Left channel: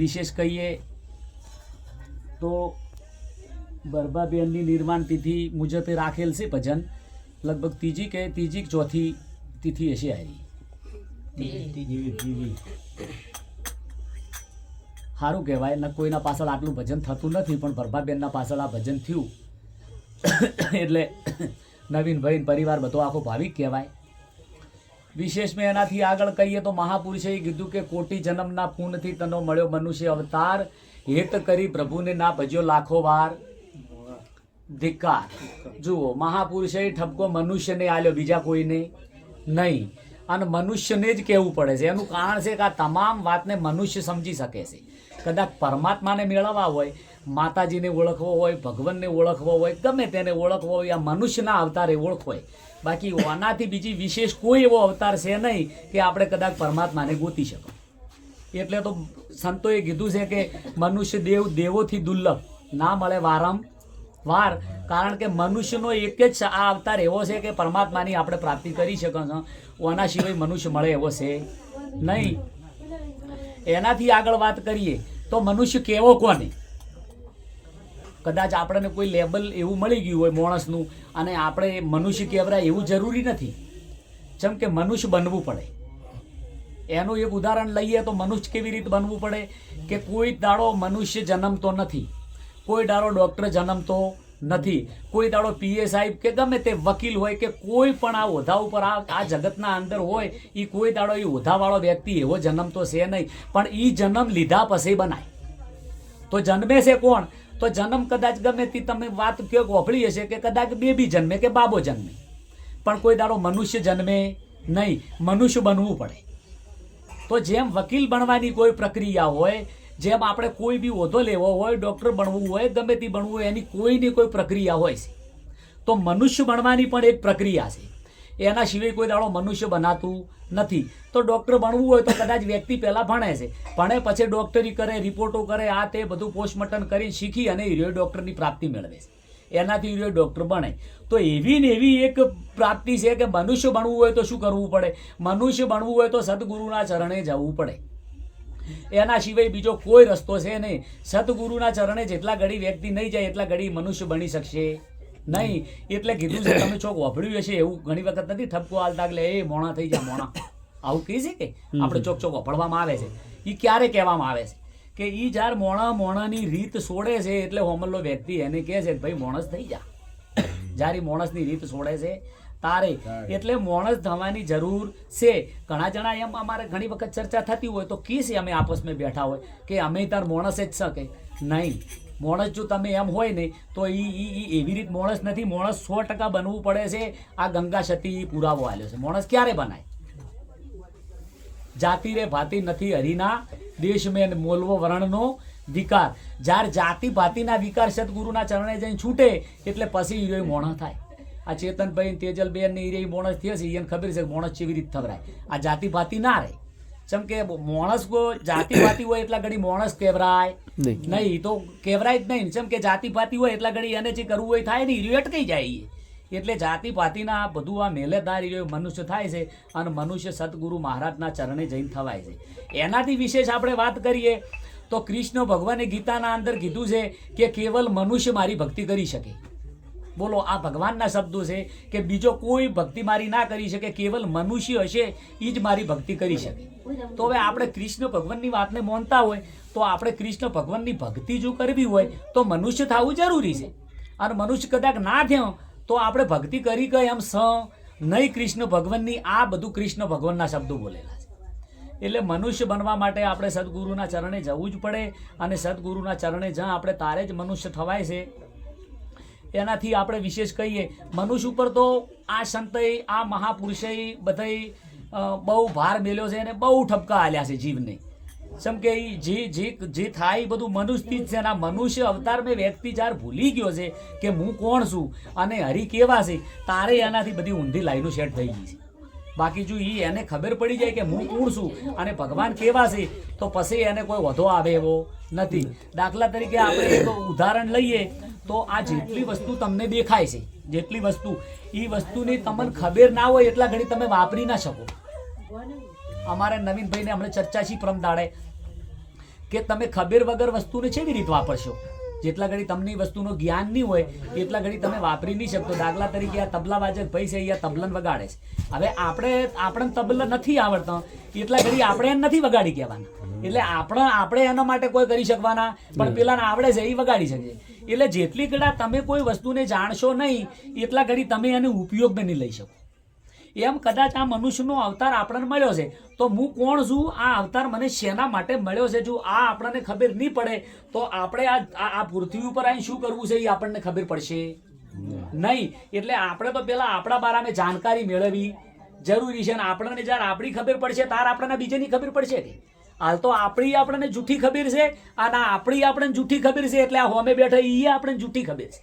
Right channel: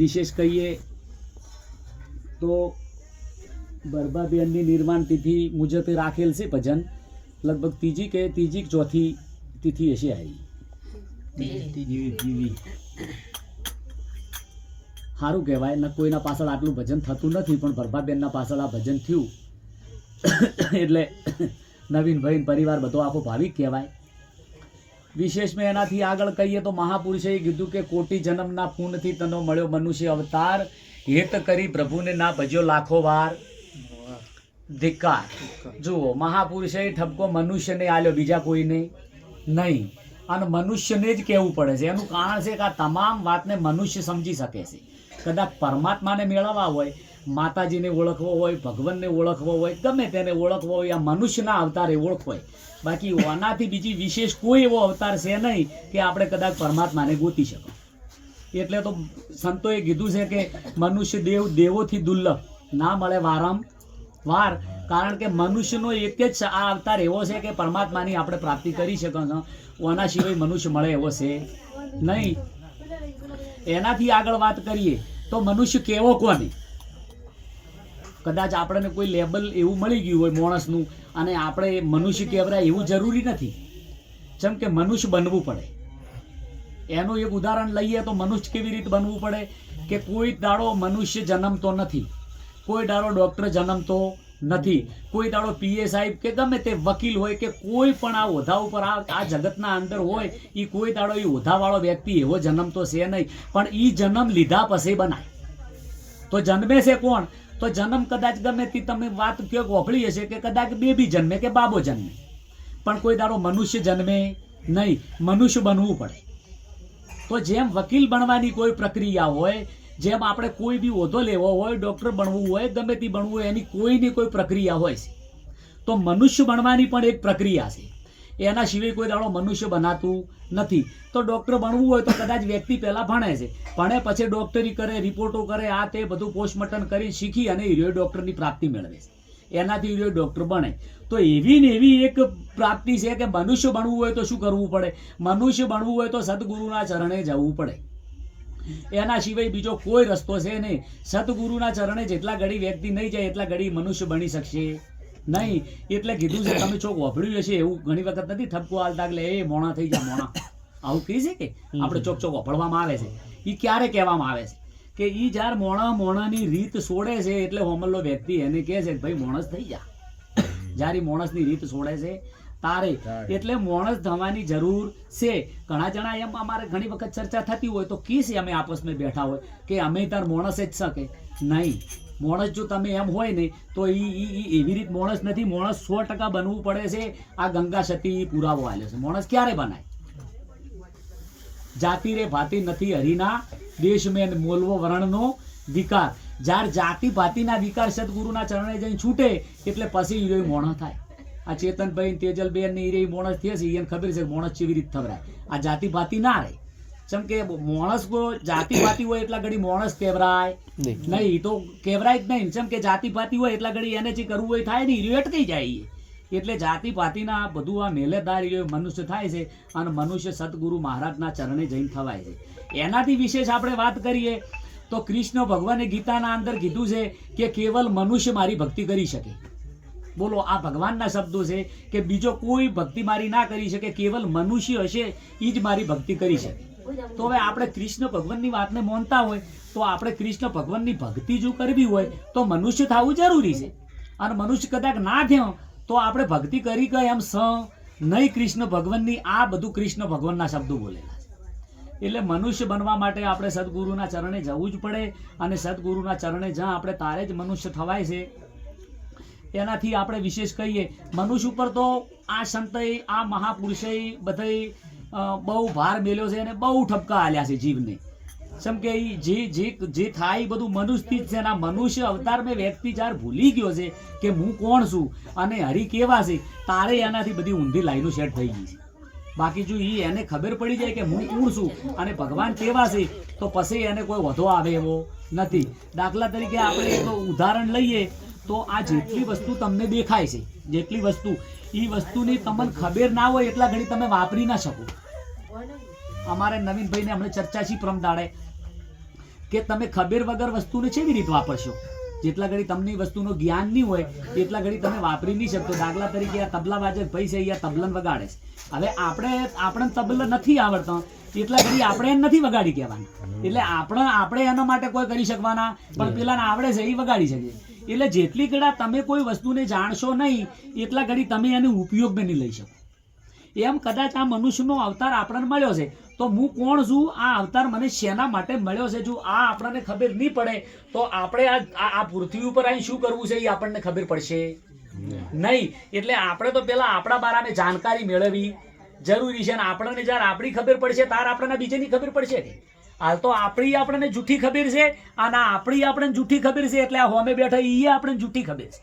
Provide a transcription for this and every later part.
વિશેષ કહીએ તો બરબાબેનની નિર્માણ તિથિ મુજબે રાખેલ છે ભજન. લગભગ ત્રીજી કે ત્રીજી ચોથી તિથિ હશે આવી સારું કહેવાય, ને કોઈના પાછળ આટલું ભજન થતું નથી, પણ ભરભાબેનના પાછળ આ ભજન થયું. એટલે નવીનભાઈ પરિવાર બધો આખો ભાવિક કહેવાય. વિશેષમાં એનાથી આગળ કહીએ તો મહાપુરુષે કીધું કે કોટી જન્મના પૂનથી તનો મળ્યો મનુષ્ય અવતાર. હેત કરી પ્રભુને ના ભજ્યો લાખો વાર. ધિક્કાર. જુઓ, મહાપુરુષે ઠપકો મનુષ્યને આલ્યો, બીજા કોઈને નહીં. અને મનુષ્યને જ કહેવું પડે છે. એનું કારણ છે કે આ તમામ વાતને મનુષ્ય સમજી શકે છે. કદાચ પરમાત્માને મેળવવા હોય માતાજીને ઓળખવો હોય, ભગવાનને ઓળખવો હોય, ગમે તેને ઓળખવો હોય, આ મનુષ્યના અવતારે ઓળખવાય. બાકી આનાથી બીજી વિશેષ કોઈ એવો અવતાર છે નહીં કે આપણે કદાચ પરમાત્માને ગોતી શકો એટલે તો સંતોએ કીધું છે કે મનુષ્ય દેવ, દેવોથી દુર્લભ. ના મળે વારંવાર કારણ કે મનુષ્યનો એક જ આ અવતાર એવો છે કે પરમાત્માની આપણે પ્રાપ્તિ કરી શકો ઓના સિવાય મનુષ્ય મળે એવો છે નહીં. એનાથી આગળ વાત કરીએ તો મનુષ્ય કેવો કોને? કદાચ આપણને કોઈ લેબલ એવું મળી ગયું હોય માણસનું અને આપણે મનુષ્ય કહેવાય એવું જરૂરી નથી. જેમ કે મનુષ્ય બનવું પડે. એનું એક ઉદાહરણ લઈએ તો મનુષ્ય કેવી રીતે બનવું પડે? કે કોઈ દાડો મનુષ્ય જન્મતો નથી. કોઈ દાડો ડૉક્ટર જન્મતો નથી. કોઈ દાડો પીએ સાહેબ કે ગમે તે વકીલ હોય કે કોઈ પણ આ ઓધા ઉપર આ આ જગતના અંદર હોય એ કોઈ દાડો એ ઓધાવાળો વ્યક્તિ એવો જન્મતો છે નહીં. પણ એ જન્મ લીધા પછી બનાય. તો જન્મે છે કોણ? તો જન્મ કદાચ ગમે તે તમે વાત કે વફળી હશે કે કદાચ બેબી જન્મે કે બાબો જન્મે. પણ કોઈ દાડો મનુષ્ય જન્મે નહીં. મનુષ્ય બનવું પડે. તો જેમ વકીલ બનવાની કોઈ પ્રક્રિયા હોય, જેમ આપણે કોઈ બી હોદ્દો લેવો હોય, ડૉક્ટર બનવું હોય, ગમે તે બનવું હોય, એની કોઈની કોઈ પ્રક્રિયા હોય છે. તો મનુષ્ય બનવાની પણ એક પ્રક્રિયા છે. એના સિવાય કોઈ દાડો મનુષ્ય બનાતું નથી. તો ડૉક્ટર બનવું હોય તો કદાચ વ્યક્તિ પહેલાં ભણે છે. ભણે પછી ડૉક્ટરી કરે રિપોર્ટો કરે, આ તે બધું પોસ્ટમોર્ટમ કરી શીખી અને હીરો ડૉક્ટરની પ્રાપ્તિ મેળવે છે. એનાથી હીરો ડૉક્ટર બને. તો એવી ને એવી એક પ્રાપ્તિ છે કે મનુષ્ય બનવું હોય તો શું કરવું પડે? મનુષ્ય બનવું હોય તો સદગુરુના ચરણે જવું પડે. એના સિવાય બીજો કોઈ રસ્તો છે નહીં. સદગુરુના ચરણે જેટલા ઘડી વ્યક્તિ નહીં જાય, એટલા ઘડી મનુષ્ય બની શકશે. નહીં એટલે કીધું છે તમે ચોક વાપર્યું હશે એવું ઘણી વખત નથી ઠપકો હાલતા એટલે એ મોણા થઈ જાય મોણા. આવું કહે છે કે આપણે ચોક ચોક વાપરવામાં આવે છે. એ ક્યારે કહેવામાં આવે છે? કે એ જ્યારે મોણા મોણાની રીત છોડે છે એટલે હોમલ્લો વ્યક્તિ એને કહે છે ભાઈ મોણસ થઈ જા. જ્યારે મોણસની રીત છોડે છે તારે. એટલે મોણસ થવાની જરૂર છે. ઘણા જણા એમ અમારે ઘણી વખત ચર્ચા થતી હોય તો કીસ છે અમે આપસમાં બેઠા હોય કે અમે તાર મોણસ જ શકે. નહીં. માણસ જો તમે એમ હોય ને, તો એ એવી રીત માણસ નથી. માણસ સો ટકા બનવું પડે છે. આ ગંગા સતી પુરાવો આલ્યો છે. માણસ ક્યારે બનાય? જાતિ રે ભાતિ નથી હરિના. દેશ મેં મોલવો વર્ણનો વિકાર. જ્યારે જાતિ ભાતિના વિકાર સદગુરુના ચરણે જઈને છૂટે, એટલે પછી હીરો મોણસ થાય. આ ચેતનભાઈ તેજલબેન ને હીરે મોણસ થયા છે. એને ખબર છે મોણસ કેવી રીતે થવરાય. આ જાતિ ભાતિ ના રહે. જેમ કે માણસ જાતિ ભાતિ હોય એટલા ઘડી મોણસ કેવરાય નહીં. તો કેવરાય જ નહીં. જેમ કે જાતિ ભાતિ હોય એટલા ઘડી એને જે કરવું હોય થાય ને હીરો થઈ જાય એટલે જાતિ પાતિના બધું આ મેલેદાર મનુષ્ય થાય છે અને મનુષ્ય સદગુરુ મહારાજના ચરણે જઈને થવાય છે. એનાથી વિશેષ આપણે વાત કરીએ તો કૃષ્ણ ભગવાને ગીતાના અંદર કીધું છે કે કેવલ મનુષ્ય મારી ભક્તિ કરી શકે. બોલો આ ભગવાનના શબ્દો છે કે બીજો કોઈ ભક્તિ મારી ના કરી શકે કેવલ મનુષ્ય હશે એ જ મારી ભક્તિ કરી શકે. તો હવે આપણે કૃષ્ણ ભગવાનની વાતને માનતા હોય તો આપણે કૃષ્ણ ભગવાનની ભક્તિ જો કરવી હોય તો મનુષ્ય થવું જરૂરી છે. અને મનુષ્ય કદાચ ના થયો તો આપણે ભક્તિ કરી ગઈ એમ સ નહીં કૃષ્ણ ભગવાનની આ બધું કૃષ્ણ ભગવાનના શબ્દો બોલેલા છે. એટલે મનુષ્ય બનવા માટે આપણે સદગુરુના ચરણે જવું જ પડે અને સદગુરુના ચરણે જ્યાં આપણે તારે જ મનુષ્ય થવાય છે એનાથી આપણે વિશેષ કહીએ મનુષ્ય ઉપર તો આ સંતએ આ મહાપુરુષે બધાએ અ, બહુ ભાર મેલ્યો છે અને બહુ ઠપકા આલ્યા છે જીવને. જેમ કે જે જે જે થાય બધું મનુષ્યથી જ છે અને મનુષ્ય અવતાર મેં વ્યક્તિ જ્યારે ભૂલી ગયો છે કે હું કોણ છું અને હરી કેવા છે, તારે એનાથી બધી ઊંધી લાઈનો સેટ થઈ ગઈ છે. બાકી જો એ એને ખબર પડી જાય કે હું કોણ છું અને ભગવાન કેવા છે, તો પછી એને કોઈ વધો આવે એવો નથી. દાખલા તરીકે આપણે એક ઉદાહરણ લઈએ, તો આ જેટલી વસ્તુ તમને દેખાય છે, જેટલી વસ્તુ એ વસ્તુની તમને ખબર ના હોય એટલા ઘડી તમે વાપરી ના શકો. અમારે નવીનભાઈને હમણાં ચર્ચા છે પ્રમ દાડે કે તમે ખબર વગર વસ્તુને કેવી રીત વાપરશો? જેટલા ઘડી તમને વસ્તુનો જ્ઞાન નહીં હોય એટલા ઘડી તમે વાપરી નહીં શકતો. દાખલા તરીકે આ તબલા વાજક ભાઈ છે અહીંયા તબલન વગાડે છે. હવે આપણે આપણે તબલ નથી આવડતો એટલા ઘડી આપણે એને નથી વગાડી કહેવાનું. એટલે આપણે આપણે એના માટે કોઈ કરી શકવાના પણ પેલાને આવડે છે એ વગાડી શકે એટલે જેટલી ઘડા તમે કોઈ વસ્તુને જાણશો નહીં, એટલા ઘડી તમે એનો ઉપયોગ બની લઈ શકો. એમ કદાચ આ મનુષ્યનો અવતાર આપણને મળ્યો છે. તો હું કોણ છું? આ અવતાર મને શેના માટે મળ્યો છે? જો આ આપણને ખબર નહીં પડે, તો આપણે આ આ- પૃથ્વી ઉપર આવીને શું કરવું છે એ આપણને ખબર પડશે. નહીં. એટલે આપણે તો પેલા આપણા બારામાં જાણકારી મેળવવી જરૂરી છે અને આપણને જ્યારે આપણી ખબર પડશે, તાર આપણને બીજાની ખબર પડશે હાલ તો આપણી આપણને જૂઠી ખબર છે અને આપણી આપણને જૂઠી ખબર છે એટલે આ હોમે બેઠા એ આપણને જૂઠી ખબર છે.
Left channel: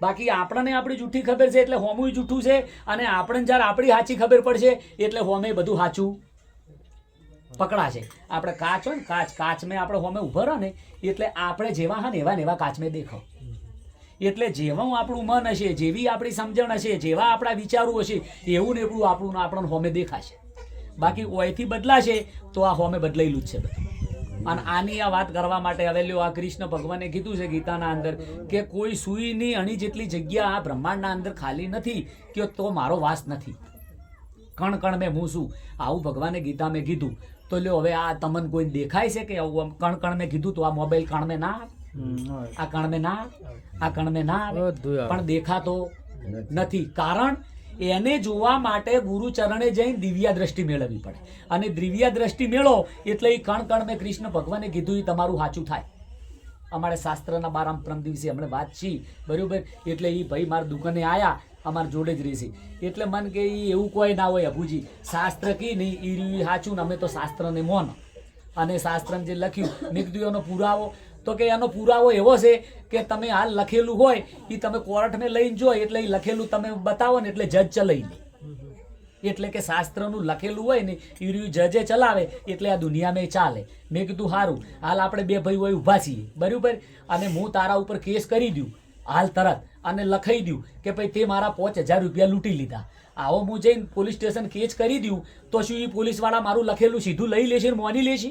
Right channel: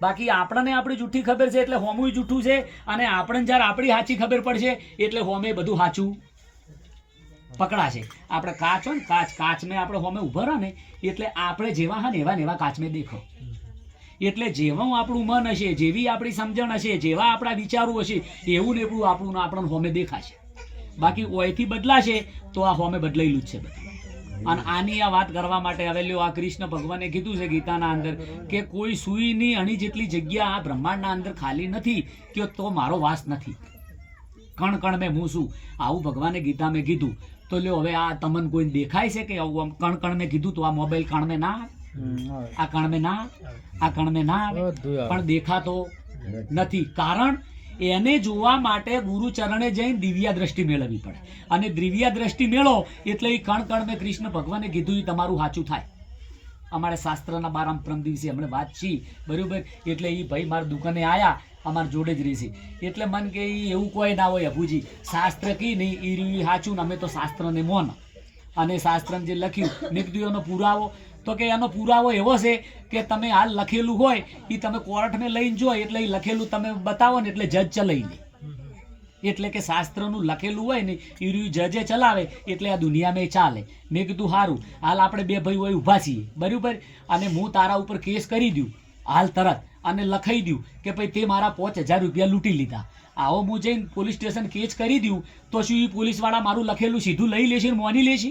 બાકી આપણને આપણી જૂઠી ખબર છે એટલે હોમું જૂઠું છે અને આપણને જ્યારે આપણી સાચી ખબર પડશે એટલે હોમે બધું સાચું પકડાશે. આપણે કાચ હોય ને કાચ કાચ મેં આપણે હોમે ઊભા રહો ને એટલે આપણે જેવા હા ને એવા ને એવા કાચ મેં દેખો. એટલે જેવું આપણું મન હશે જેવી આપણી સમજણ હશે જેવા આપણા વિચારો હશે એવું ને એવું આપણું આપણને હોમે દેખાશે. બાકી ઓયથી બદલાશે તો આ હોમે બદલાયેલું જ છે બધું. અને આની આ વાત કરવા માટે હવે આ કૃષ્ણ ભગવાને કીધું છે ગીતાના અંદર કે કોઈ સુઈની અણી જેટલી જગ્યા આ બ્રહ્માંડના અંદર ખાલી નથી કે તો મારો વાસ નથી. કણ કણ મેં હું છું આવું ભગવાને ગીતા મેં કીધું. તો લ્યો હવે આ તમને કોઈ દેખાય છે કે આવું કણ કણ મેં કીધું તો આ મોબાઈલ કણ મેં ના આ કણ મેં ના આ કણ મેં ના પણ દેખાતો નથી. કારણ એને જોવા માટે ગુરુચરણે જઈને દિવ્યા દ્રષ્ટિ મેળવવી પડે. અને દિવ્યા દ્રષ્ટિ મેળવો એટલે એ કણ કણ મેં કૃષ્ણ ભગવાને કીધું એ તમારું સાચું થાય. અમારે શાસ્ત્રના બારામ પ્રમ દિવસે હમણાં વાત છી, બરાબર? એટલે એ ભાઈ મારા દુકાને આવ્યા અમારા જોડે જ રહેશે. એટલે મન કે એ એવું કોઈ ના હોય અભુજી. શાસ્ત્ર કી નહીં એ સાચું ને અમે તો શાસ્ત્રને મોન. અને શાસ્ત્રને જે લખ્યું એનો પુરાવો તો કે એનો પુરાવો એવો છે કે તમે હાલ લખેલું હોય એ તમે કોર્ટને લઈને જો, એટલે એ લખેલું તમે બતાવો ને એટલે જજ ચલાવી લે. એટલે કે શાસ્ત્રનું લખેલું હોય ને એ રહ્યું જજે ચલાવે, એટલે આ દુનિયામાં ચાલે. મેં કીધું સારું હાલ આપણે બે ભાઈ હોય ઊભા છીએ. બરાબર? અને હું તારા ઉપર કેસ કરી દઉં, હાલ તરત, અને લખાઈ દઉં કે ભાઈ, તે મારા પાંચ હજાર રૂપિયા લૂંટી લીધા. આવો હું જઈને પોલીસ સ્ટેશન કેસ કરી દઉં, તો શું એ પોલીસવાળા મારું લખેલું સીધું લઈ લેશે ને મોની લેશે?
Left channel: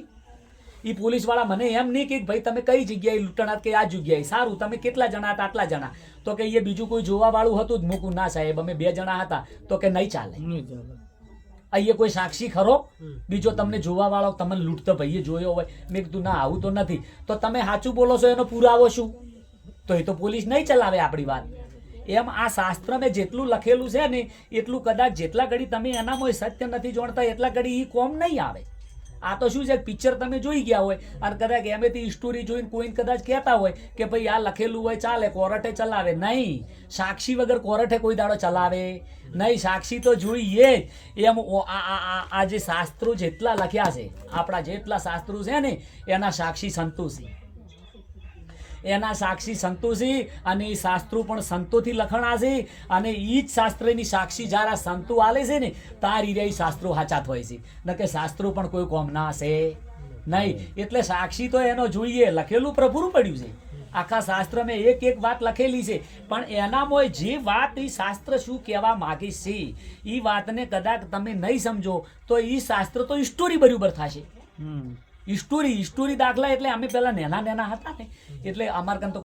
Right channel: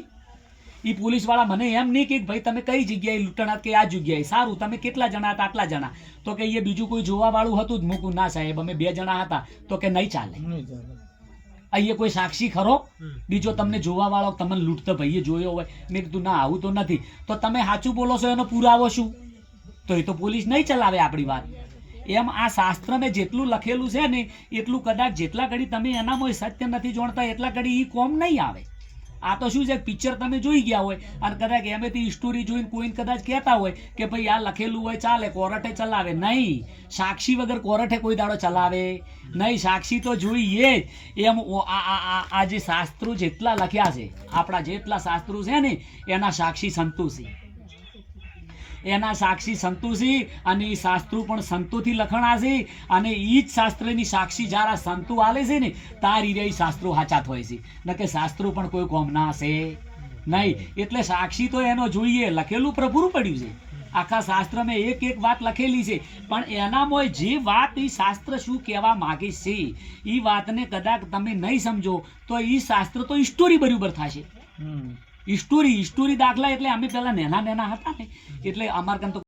એ પોલીસવાળા મને એમ નહીં કે ભાઈ તમે કઈ જગ્યાએ લૂંટણા કે આ જગ્યાએ? સારું તમે કેટલા જણા હતા? આટલા જણા. તો કે એ બીજું કોઈ જોવાવાળું હતું જ મૂકું. ના સાહેબ અમે બે જણા હતા. તો કે નહીં ચાલે. અહીંયા કોઈ સાક્ષી ખરો? બીજો તમને જોવા વાળો તમને લૂંટતો ભાઈએ જોયો હોય. મેં કીધું ના આવું તો નથી. તો તમે સાચું બોલો છો એનો પુરાવો શું? તો એ તો પોલીસ નહીં ચલાવે આપણી વાત. એમ આ શાસ્ત્ર મેં જેટલું લખેલું છે ને એટલું કદાચ જેટલા ઘડી તમે એનામાં સત્ય નથી જોણતા એટલા ઘડી એ કોમ નહીં આવે. આ તો શું છે? પિક્ચર તમે જોઈ ગયા હોય. અને કદાચ એમેથી સ્ટોરી જોઈને કોઈને કદાચ કહેતા હોય કે ભાઈ આ લખેલું હોય ચાલે, કોર્ટે ચલાવે. નહીં. સાક્ષી વગર કોર્ટે કોઈ દાડો ચલાવે. નહીં, સાક્ષી તો જોઈએ જ. એમ આ જે શાસ્ત્રો જેટલા લખ્યા છે, આપણા જેટલા શાસ્ત્રો છે ને, એના સાક્ષી સંતોષી એના સાક્ષી સંતોષી અને એ શાસ્ત્રો પણ સંતોથી લખણા છે અને એ જ શાસ્ત્રની સાક્ષી જ્યારે આ સંતો આલે છે ને, તાર એ શાસ્ત્રો હાચા હોય છે. ન કે શાસ્ત્રો પણ કોઈ કોમના હશે નહીં, એટલે સાક્ષી તો એનો જોઈએ. લખેલું પ્રભુરું પડ્યું છે. આખા શાસ્ત્રમાં એક એક વાત લખેલી છે. પણ એનામાં જે વાત એ શાસ્ત્ર શું કહેવા માગે છે એ વાતને કદાચ તમે નહીં સમજો, તો એ શાસ્ત્ર તો સ્ટોરી બરાબર થશે. સ્ટોરી સ્ટોરી દાખલા એટલે અમે પેલા નેના નેના હતા ને એટલે અમારે કામ તો